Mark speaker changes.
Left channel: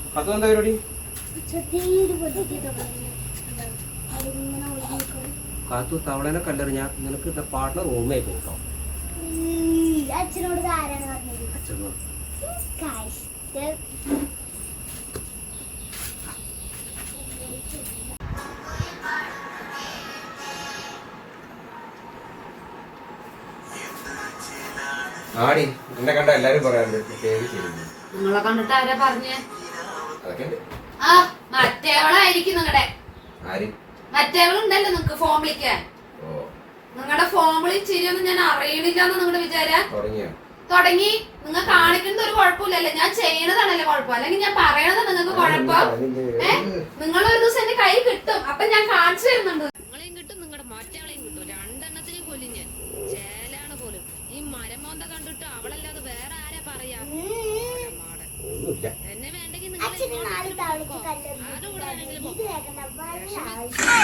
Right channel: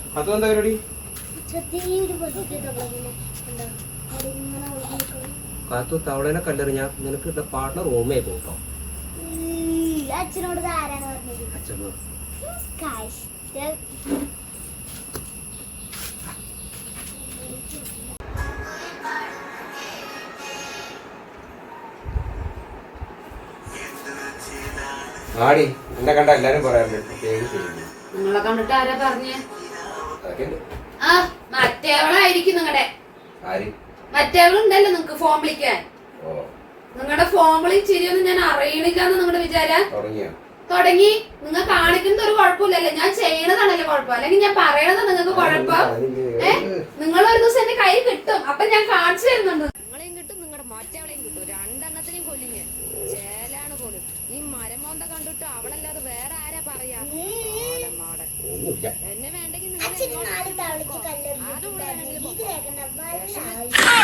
Speaker 1: അതെന്താ പരിപാടി? കാത്തു തവളേനെ കല്ലെറിഞ്ഞാ നിനക്ക് പാർട്ട്ണർ റൂമേ പോട്ടോ.
Speaker 2: അച്ഛനോട് ആരാണ് പറഞ്ഞത്?
Speaker 1: അച്ഛനോട്. ആടി എന്നെ കണ്ട എല്ലാരും പറയാറുണ്ട് പേര് ചെയ്യുന്നു.
Speaker 3: നിങ്ങളെ കണ്ടിട്ട് ആരാ പറഞ്ഞേ?
Speaker 1: അതൊക്കെ
Speaker 3: ആ മറ്റേവളായിരിക്കും നിങ്ങടെ. മറ്റേവളുണ്ടല്ലോ നിങ്ങക്ക് ഫോം വിളിക്കാൻ. നിങ്ങളുടെ ഫോം വിളി ചിരിയൊന്നും ഞാൻ അറിയണില്ലാന്ന് നിങ്ങളുടെ വിചാരം. തുടങ്ങി. നിങ്ങൾ കാണിക്കുന്നത് ഒരു കുഴപ്പമില്ലല്ലേ? ഞാൻ ചെയ്യണതാണല്ലേ കുഴപ്പം, അല്ലെങ്കിൽ ഞാൻ പറയണത് നിങ്ങൾക്ക് കുഴപ്പം. നിങ്ങൾ ഒരു ദിവസം എന്റെ കൈ കിട്ടും, അപ്പൊ ഞാൻ കാണിച്ചു തരുന്നുണ്ട്. നിങ്ങളെയും കിട്ടും, നിങ്ങളുടെ മറ്റവളെയും കിട്ടും. രണ്ടെണ്ണത്തിനെയും കൊല്ലും ഞാൻ. ചേലാണ് പോലും. ഈ മരമോന്ത കണ്ടിട്ട് അവളല്ലാതെ വേറെ ആരാ പറയാ? എന്നെ വേണ്ടെങ്കിൽ നിങ്ങൾ ആരുടെ കൂടെ വേണമെങ്കിലും